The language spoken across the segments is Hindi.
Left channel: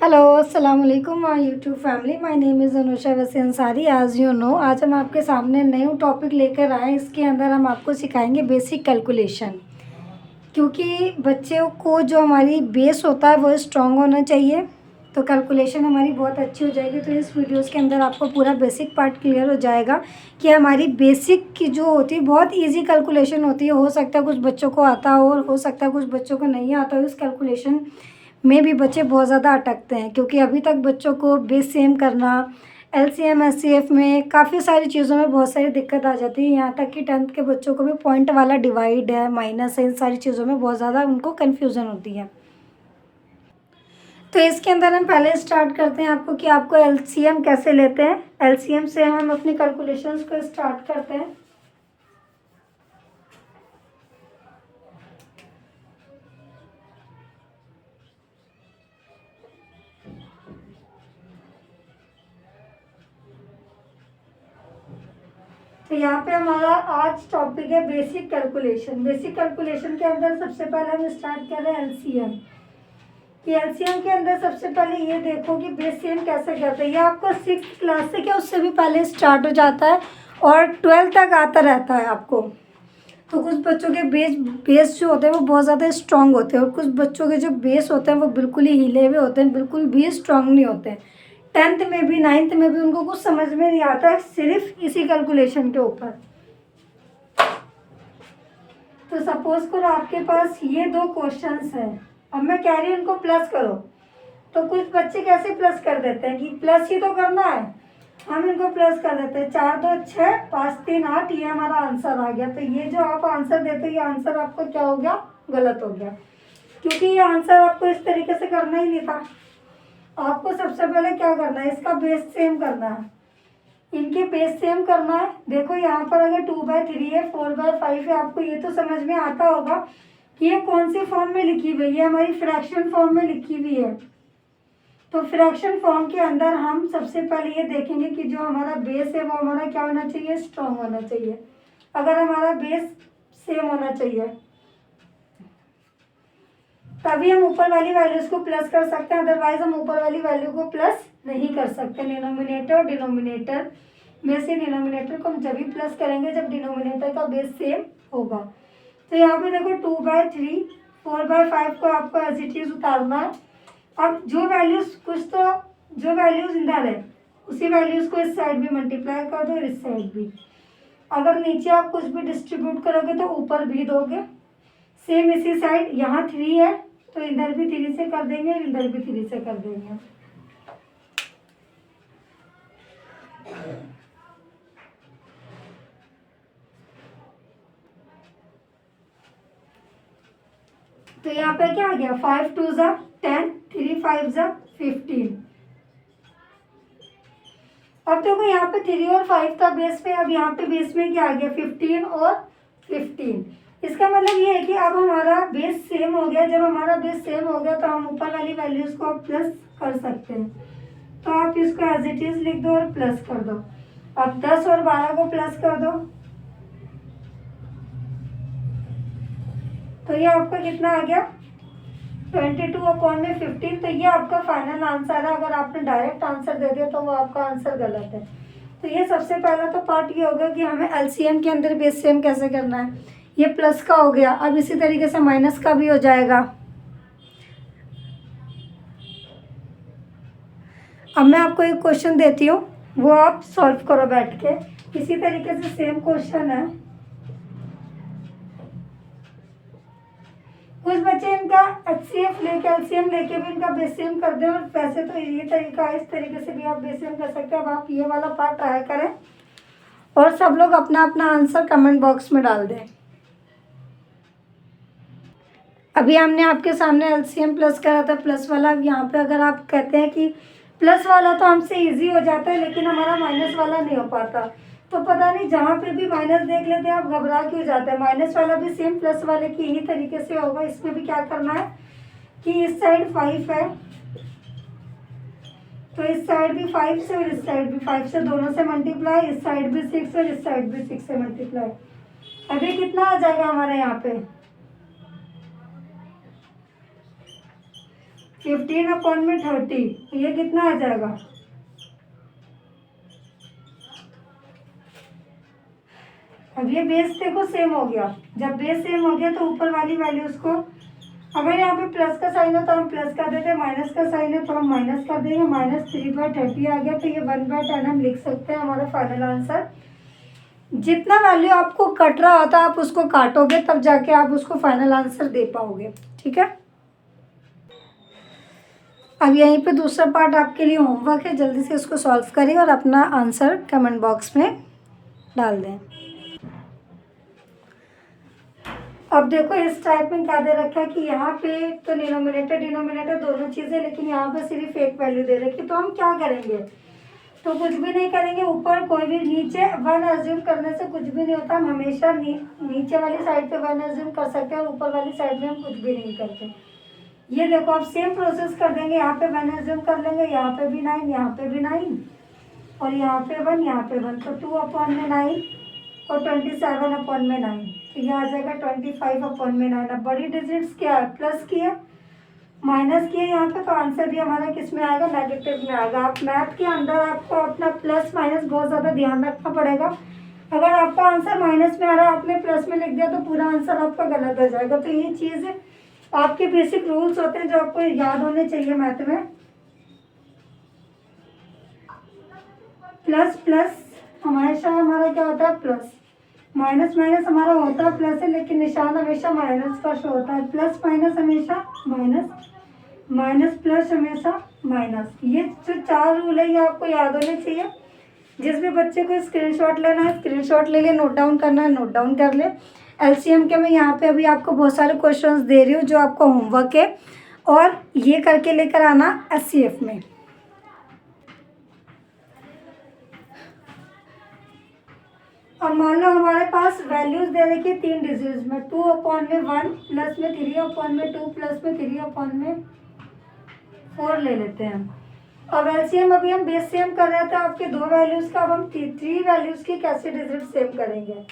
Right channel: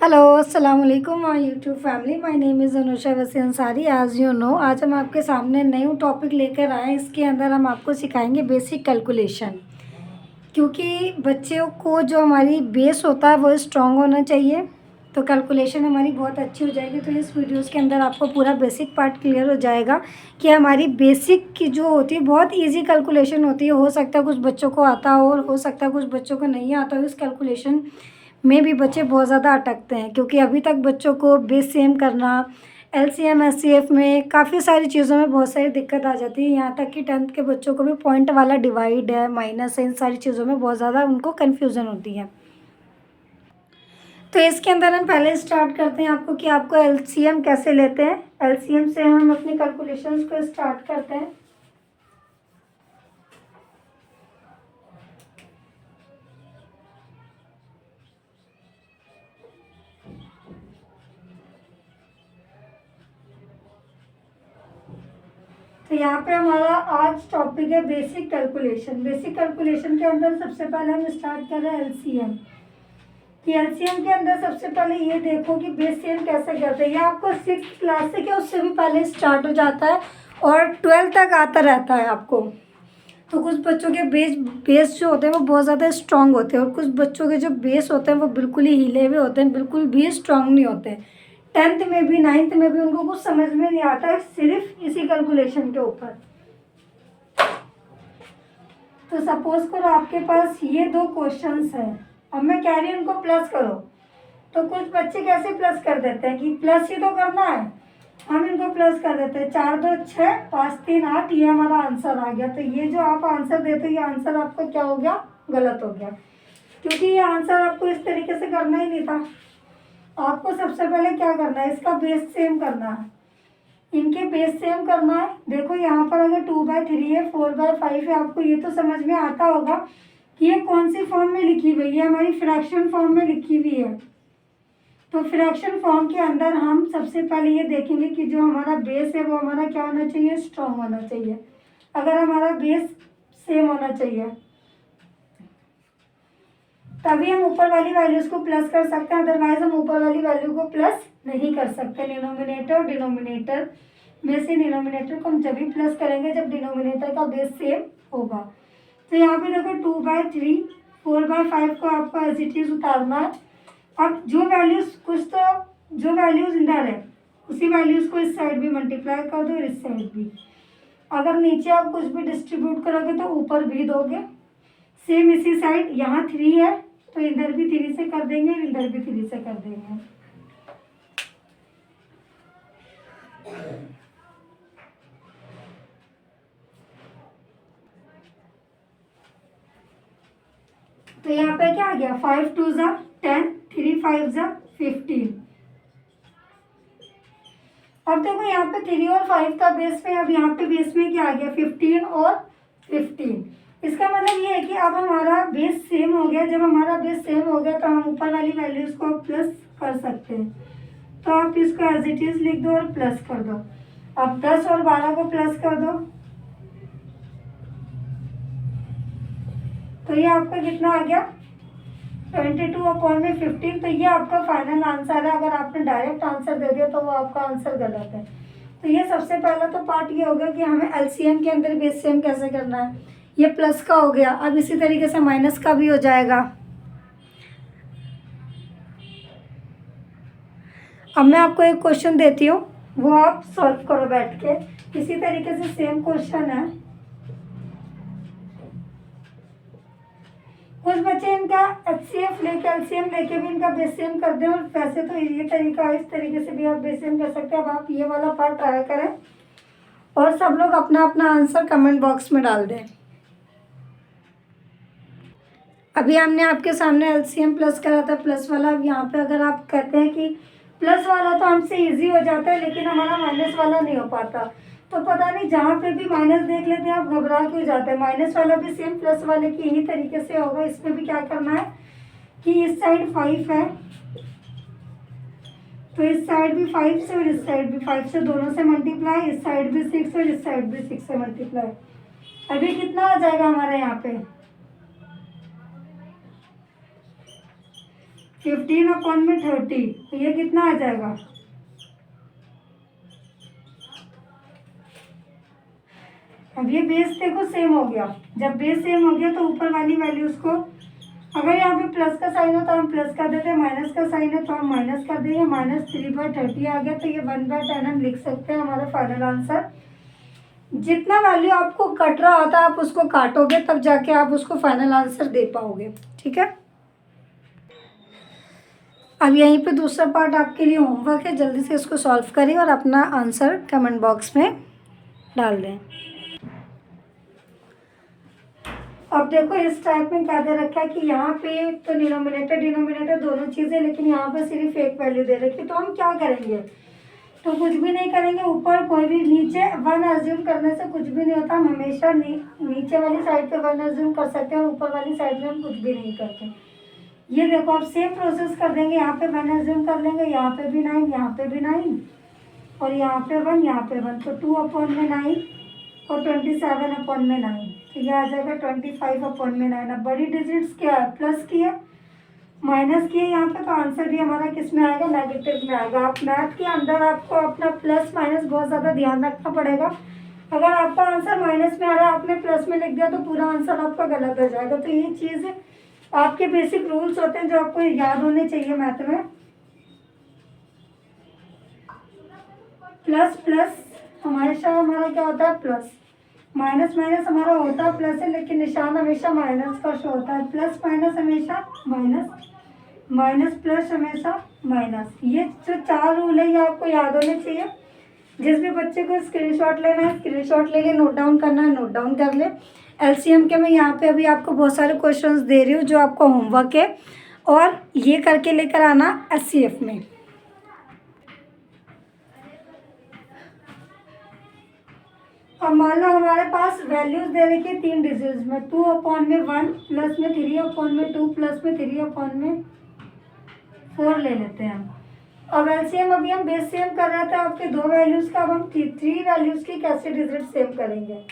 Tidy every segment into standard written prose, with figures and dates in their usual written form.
हेलो अस्सलाम वालेकुम my YouTube family. My name is Anusha वसी अंसारी। एज़ यू नो आज हम आपके सामने न्यू टॉपिक लेकर आए हैं। इसके अंदर हम आपको सिखाएंगे बेसिक कैलकुलेशन, क्योंकि बच्चों को जो हमारी बेस होता है वो स्ट्रॉन्ग होना चाहिए, तो कैलकुलेशन हमारी बहुत अच्छी हो जाएगी। तो इस वीडियोस के अंदर आपको पूरा बेसिक पार्ट क्लियर हो जाएगा कि हमारी बेसिक की जो होती है बहुत इजी कैलकुलेशन होती है। हो सकता है कुछ बच्चों को आता हो और हो सकता है कुछ बच्चों को नहीं आता हो। इस कैलकुलेशन में भी बच्चे बहुत ज़्यादा अटकते हैं, क्योंकि अभी तक बच्चों को बेस सेम करना, एलसीएम एचसीएफ में काफ़ी सारी चीज़ों में बहुत सारी दिक्कत आ जाती है। यहाँ तक कि 10th के बच्चों को भी पॉइंट वाला डिवाइड है, माइनस है, इन सारी चीज़ों में बहुत ज़्यादा उनको कन्फ्यूज़न होती है। तो इसके अंदर हम पहले स्टार्ट करते हैं आपको कि आपको एलसीएम कैसे लेते हैं। एलसीएम से हम अपनी कैलकुलेशंस को स्टार्ट करते हैं। तो यहाँ पे हमारा आज टॉपिक है बेसिक कैलकुलेशन। बेसिक कैलकुलेशन के अंदर सबसे पहले हम स्टार्ट कर रहे हैं एलसीएम। कि एलसीएम के अंदर सबसे पहले ये देखो कि बेस सेम कैसे करते हैं। ये आपको 6th क्लास से क्या उससे भी पहले स्टार्ट हो जाता है और 12th तक आता रहता है आपको। तो कुछ बच्चों के बेस जो होते हैं वो बहुत ज़्यादा स्ट्रांग होते हैं और कुछ बच्चों के जो बेस होते हैं वो बिल्कुल ही हिले हुए होते हैं, बिल्कुल भी स्ट्रांग नहीं होते। 10th में भी 9th में भी उनको कुछ समझ में नहीं आता है सिर्फ इसी कैलकुलेशन के ऊपर। तो सपोज करो आपके पास ये दो क्वेश्चंस हैं। अब मैं कह रही हूँ इनको प्लस करो, तो कुछ बच्चे कैसे प्लस कर देते हैं कि प्लस ही तो करना है, हम इनको प्लस कर देते हैं। 4 2 6 5 3 8, ये हमारा आंसर आ गया। तो ये जो आप आंसर देते हो ये आंसर आपको क्या हो गया, गलत हो गया, क्योंकि ये आंसर आपको इस तरीके से करना ही नहीं था। आपको सबसे पहले क्या करना है, इसका बेस सेम करना है, इनके बेस सेम करना है। देखो यहाँ पर अगर 2/3 है, 4/5 है, आपको ये तो समझ में आता होगा कि ये कौन सी फॉर्म में लिखी हुई है, हमारी फ्रैक्शन फॉर्म में लिखी हुई है। तो फ्रैक्शन फॉर्म के अंदर हम सबसे पहले ये देखेंगे कि जो हमारा बेस है वो हमारा क्या होना चाहिए, स्ट्रॉन्ग होना चाहिए। अगर हमारा बेस सेम होना चाहिए तभी हम ऊपर वाली वैल्यूज को प्लस कर सकते हैं, अदरवाइज हम ऊपर वाली वैल्यू को प्लस नहीं कर सकते। डिनोमिनेटर और डिनोमिनेटर में से डिनोमिनेटर को हम जब भी प्लस करेंगे जब डिनोमिनेटर का बेस सेम होगा। तो यहाँ पे देखो 2/3 4/5 को आपको एज इट इज उतारना है। अब जो वैल्यूज जो वैल्यूज इधर है उसी वैल्यूज को इस साइड भी मल्टीप्लाई कर दो और इस साइड भी। अगर नीचे आप कुछ भी डिस्ट्रीब्यूट करोगे तो ऊपर भी दोगे। सेम इसी साइड यहाँ 3 है तो इधर भी 3 से कर देंगे, इधर भी 3 से कर देंगे। तो यहाँ पे क्या आ गया, 5 2 ज़ा 10, 3 5 ज़ा 15। अब देखो यहाँ पे 3 और 5 था बेस में, अब यहाँ पे बेस में क्या आ गया, 15 और 15। इसका मतलब ये है कि अब हमारा बेस सेम हो गया। जब हमारा बेस सेम हो गया तो हम ऊपर वाली वैल्यूज को प्लस कर सकते हैं। तो आप इसको एज इट इज लिख दो और प्लस कर दो। अब 10 और 12 को प्लस कर दो तो ये आपका कितना आ गया, 22/15। तो ये आपका फाइनल आंसर है। अगर आपने डायरेक्ट आंसर दे दिया तो वो आपका आंसर गलत है। तो ये सबसे पहला तो पार्ट ये हो गया कि हमें एलसीएम के अंदर बेस सेम कैसे करना है। ये प्लस का हो गया, अब इसी तरीके से माइनस का भी हो जाएगा। अब मैं आपको एक क्वेश्चन देती हूँ, वो आप सॉल्व करो बैठ के। इसी तरीके से सेम क्वेश्चन है। कुछ बच्चे इनका एचसीएफ लेके एलसीएम लेके भी इनका बेस सेम कर दें, और वैसे तो ये तरीका है, इस तरीके से भी आप बेस सेम कर सकते हैं। अब आप ये वाला पार्ट ट्राई करें और सब लोग अपना अपना आंसर कमेंट बॉक्स में डाल दें। अभी हमने आपके सामने एलसीएम प्लस करा था, प्लस वाला। अब यहाँ पे अगर आप कहते हैं कि प्लस वाला तो हमसे इजी हो जाता है लेकिन हमारा माइनस वाला नहीं हो पाता, तो पता नहीं जहाँ पे भी माइनस देख लेते हैं आप घबरा क्यों जाते हैं। माइनस वाला भी सेम प्लस वाले की यही तरीके से होगा। इसमें भी क्या करना है कि इस साइड 5 है तो इस साइड भी 5 से और इस साइड भी 5 से, दोनों से मल्टीप्लाई। इस साइड भी 6 और इस साइड भी 6 से मल्टीप्लाई। अभी कितना आ जाएगा हमारे यहाँ पे, 15/30, तो ये कितना आ जाएगा? अब ये बेस देखो सेम हो गया। जब बेस सेम हो गया तो ऊपर वाली वैल्यूज को, अगर यहाँ पे प्लस का साइन है तो हम प्लस कर देते हैं, माइनस का साइन है तो हम माइनस कर देंगे। -3/30 आ गया, तो ये 1/10 हम लिख सकते हैं हमारा फाइनल आंसर। जितना वैल्यू आपको कट रहा होता है आप उसको काटोगे, तब जाके आप उसको फाइनल आंसर दे पाओगे। ठीक है, अब यहीं पे दूसरा पार्ट आपके लिए होमवर्क है, जल्दी से इसको सॉल्व करिए और अपना आंसर कमेंट बॉक्स में डाल दें। अब देखो इस टाइप में क्या दे रखा है कि यहाँ पे तो डिनोमिनेटर डिनोमिनेटर दोनों चीज़ें, लेकिन यहाँ पे सिर्फ एक वैल्यू दे रखी है। तो हम क्या करेंगे? तो कुछ भी नहीं करेंगे, ऊपर कोई भी, नीचे 1 अज्यूम करने से कुछ भी नहीं होता। हम हमेशा नीचे वाली साइड पे 1 अज्यूम कर सकते हैं, ऊपर वाली साइड में हम कुछ भी नहीं करते। ये देखो आप सेम प्रोसेस कर देंगे, यहाँ पे 1 अज्यूम कर लेंगे, यहाँ पे भी 9, यहाँ पे भी 9 और यहाँ पे 1, यहाँ पे 1, तो 2/9 और 27/9, तो ये आ जाएगा 25/9। अब बड़ी डिजिट्स क्या है? प्लस की है, माइनस की है यहाँ पे, तो आंसर भी हमारा किस में आएगा? नेगेटिव में आएगा। आप मैथ के अंदर आपको अपना प्लस माइनस बहुत ज़्यादा ध्यान रखना पड़ेगा। अगर आपका आंसर माइनस में आ रहा है, आपने प्लस में लिख दिया, तो पूरा आंसर आपका गलत हो जाएगा। तो ये चीज़ आपके बेसिक रूल्स होते हैं जो आपको याद होने चाहिए मैथ में। प्लस प्लस हमेशा हमारा क्या होता है? प्लस। माइनस माइनस हमारा होता है प्लस है, लेकिन निशान हमेशा माइनस का शो होता है। प्लस माइनस हमेशा माइनस, माइनस प्लस हमेशा माइनस। ये जो 4 रूल है ये आपको याद होने चाहिए। जिस भी बच्चे को स्क्रीनशॉट लेना है स्क्रीनशॉट ले ले, नोट डाउन करना है नोट डाउन कर ले। एलसीएम के मैं यहाँ पे अभी आपको बहुत सारे क्वेश्चंस दे रही हूँ जो आपका होमवर्क है, और ये करके लेकर आना एचसीएफ में। अब मान लो हमारे पास वैल्यूज दे रखी है 3 डिजिट्स में, 2/1 प्लस में 3/2 प्लस में 3/4 ले लेते हैं। अब एलसीएम अभी हम बेस सेम कर रहे थे आपके 2 वैल्यूज का, अब हम 3 वैल्यूज की कैसे डिजिट सेम करेंगे?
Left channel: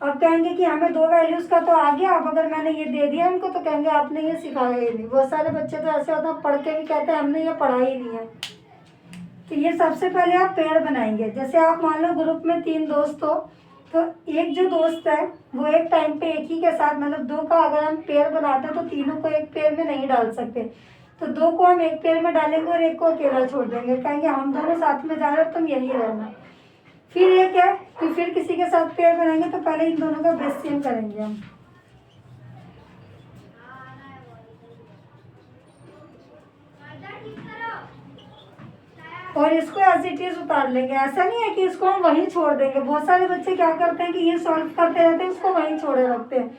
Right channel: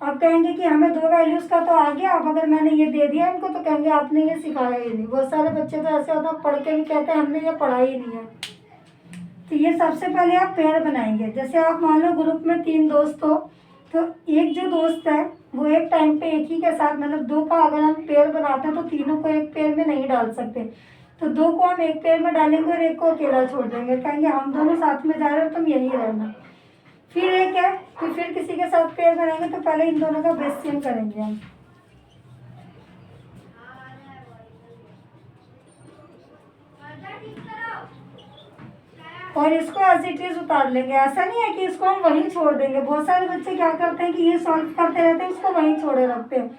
अब कहेंगे कि हमें 2 वैल्यूज का तो आ गया, अब अगर मैंने ये दे दिया इनको तो कहेंगे आपने ये सिखाया ही नहीं। बहुत सारे बच्चे तो ऐसे होता है पढ़ के भी कहते हैं हमने ये पढ़ा ही नहीं है। तो ये सबसे पहले आप पेयर बनाएंगे। जैसे आप मान लो ग्रुप में 3 दोस्त हो, तो एक जो दोस्त है वो एक टाइम पे एक ही के साथ, मतलब 2 का अगर हम पेयर बनाते हैं तो तीनों को एक पेयर में नहीं डाल सकते, तो 2 को हम एक पेयर में डालेंगे और एक को अकेला छोड़ देंगे। कहेंगे हम दोनों साथ में जा रहे हो तुम यही रहना। फिर एक है कि फिर किसी के साथ पेयर बनाएंगे, तो पहले इन दोनों का बेस सेम करेंगे हम। और इसको एज इट इज उतार लेंगे। ऐसा नहीं है कि इसको हम वहीं छोड़ देंगे। बहुत सारे बच्चे क्या करते हैं कि ये सॉल्व करते रहते हैं, इसको वहीं छोड़े रखते हैं।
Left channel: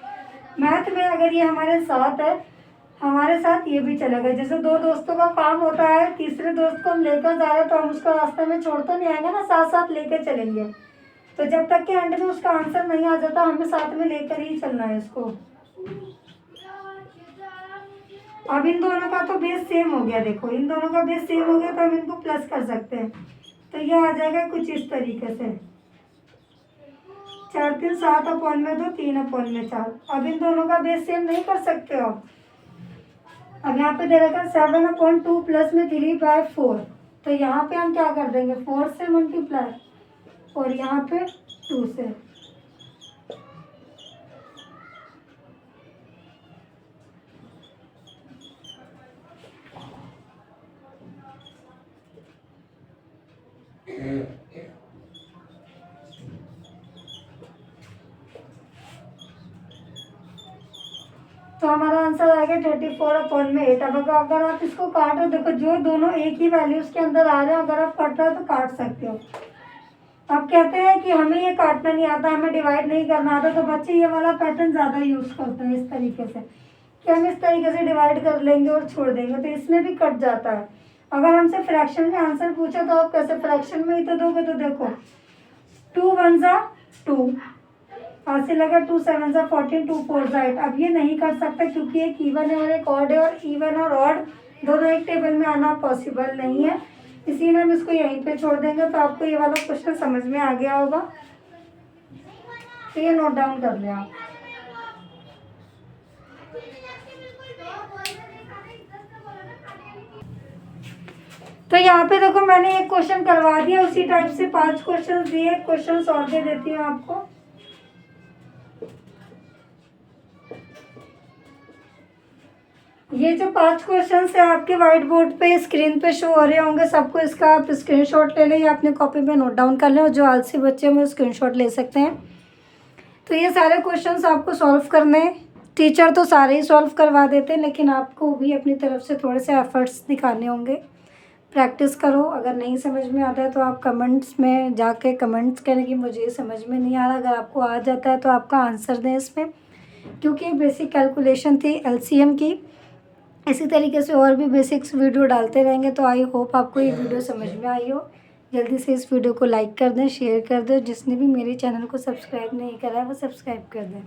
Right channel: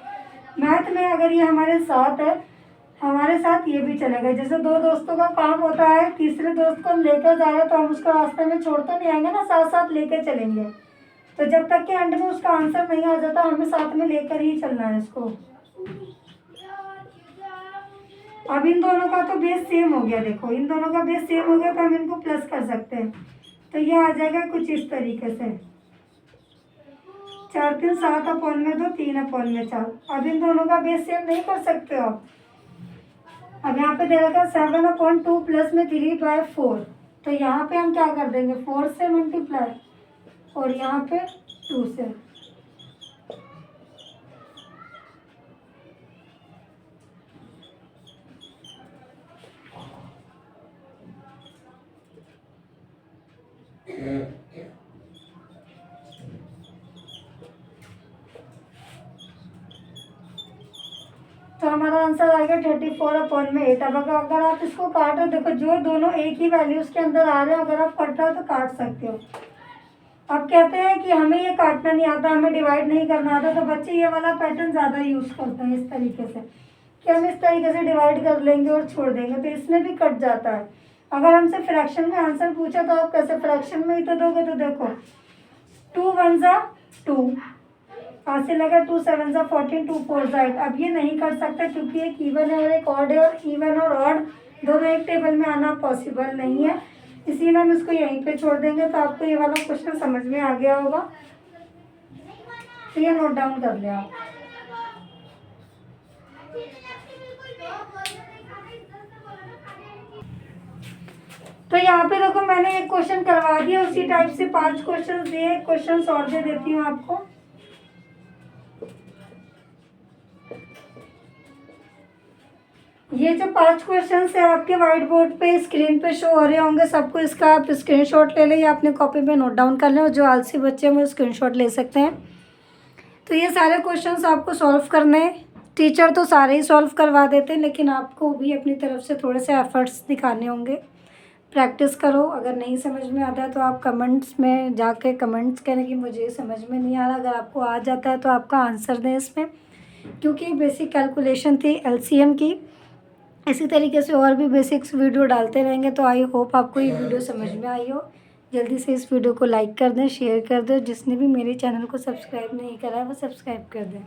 मैथ में अगर ये हमारे साथ है, हमारे साथ ये भी चलेगा। जैसे 2 दोस्तों का काम होता है, तीसरे दोस्त को हम लेकर जा रहे हैं तो हम उसको रास्ते में छोड़ तो नहीं आएंगे ना, साथ साथ लेकर चलेंगे। तो जब तक कि एंड में उसका आंसर नहीं आ जाता हमें साथ में लेकर ही चलना है इसको। अब इन दोनों का तो बेस सेम हो गया, देखो इन दोनों का बेस सेम हो गया तो हम इनको प्लस कर सकते हैं। तो ये आ जाएगा कुछ इस तरीके से, 4 3 7/2 3/4। अब इन दोनों का बेस सेम नहीं कर सकते हो आप। अब यहाँ पे दे रखा है 7/2 प्लस में 3/4, तो यहाँ पे हम क्या कर देंगे 4 से मल्टीप्लाई और यहाँ पे 2 से। तो हमारा आंसर आएगा 34/8। अब अगर आप इसको काटो, देखो जो दोनों एक ही वैल्यूज के अंदर आ रहे हो, अगर आप कट रहे हो तो काट सकते हो। अब कहते हैं कि हमें ये काटना नहीं आता, हमें डिवाइड नहीं करना आता, तो बच्चे ये वाला पैटर्न ज़्यादा यूज़ करते हैं इस तरीके से कि हम इस तरीके से डिवाइड कर लेंगे और छोड़ देंगे, तो इसमें भी कट जाता है। अगर हमसे फ्रैक्शन में आंसर पूछे तो आप कैसे फ्रैक्शन में ही तो दोगे, तो देखो 2 1 जा 2, ऐसे लगा 2 7 जा 14, 2 4 जा 8। अब ये नहीं कर सकते क्योंकि एक इवन है और एक ऑड है, और इवन और ऑड दोनों एक टेबल में आना पॉसिबल नहीं है, इसीलिए हम इसको यहीं पे छोड़ देंगे। तो आपको ये वाला क्वेश्चन समझ में आ गया होगा, तो ये नोट डाउन कर ले आप। तो यहाँ पे देखो मैंने एक क्वेश्चन करवा दिया, उसी टाइप से 5 क्वेश्चन दिए, क्वेश्चन और दे देती हूँ आपको। ये जो 5 क्वेश्चन है आपके व्हाइट बोर्ड पे स्क्रीन पे शो हो रहे होंगे सबको, इसका आप स्क्रीनशॉट ले लें या अपने कॉपी पे नोट डाउन कर लें, और जो आलसी बच्चे हैं वो स्क्रीनशॉट ले सकते हैं। तो ये सारे क्वेश्चंस आपको सॉल्व करने हैं। टीचर तो सारे ही सॉल्व करवा देते हैं, लेकिन आपको भी अपनी तरफ से थोड़े से एफर्ट्स दिखाने होंगे। प्रैक्टिस करो, अगर नहीं समझ में आता है तो आप कमेंट्स में जाके कमेंट्स करें कि मुझे समझ में नहीं आ रहा। अगर आपको आ जाता है तो आपका आंसर दें इसमें, क्योंकि बेसिक कैलकुलेशन थी एलसीएम की। इसी तरीके से और भी बेसिक्स वीडियो डालते रहेंगे। तो आई होप आपको ये वीडियो समझ में आई हो। जल्दी से इस वीडियो को लाइक कर दें, शेयर कर दें। जिसने भी मेरे चैनल को सब्सक्राइब नहीं करा है वो सब्सक्राइब कर दें।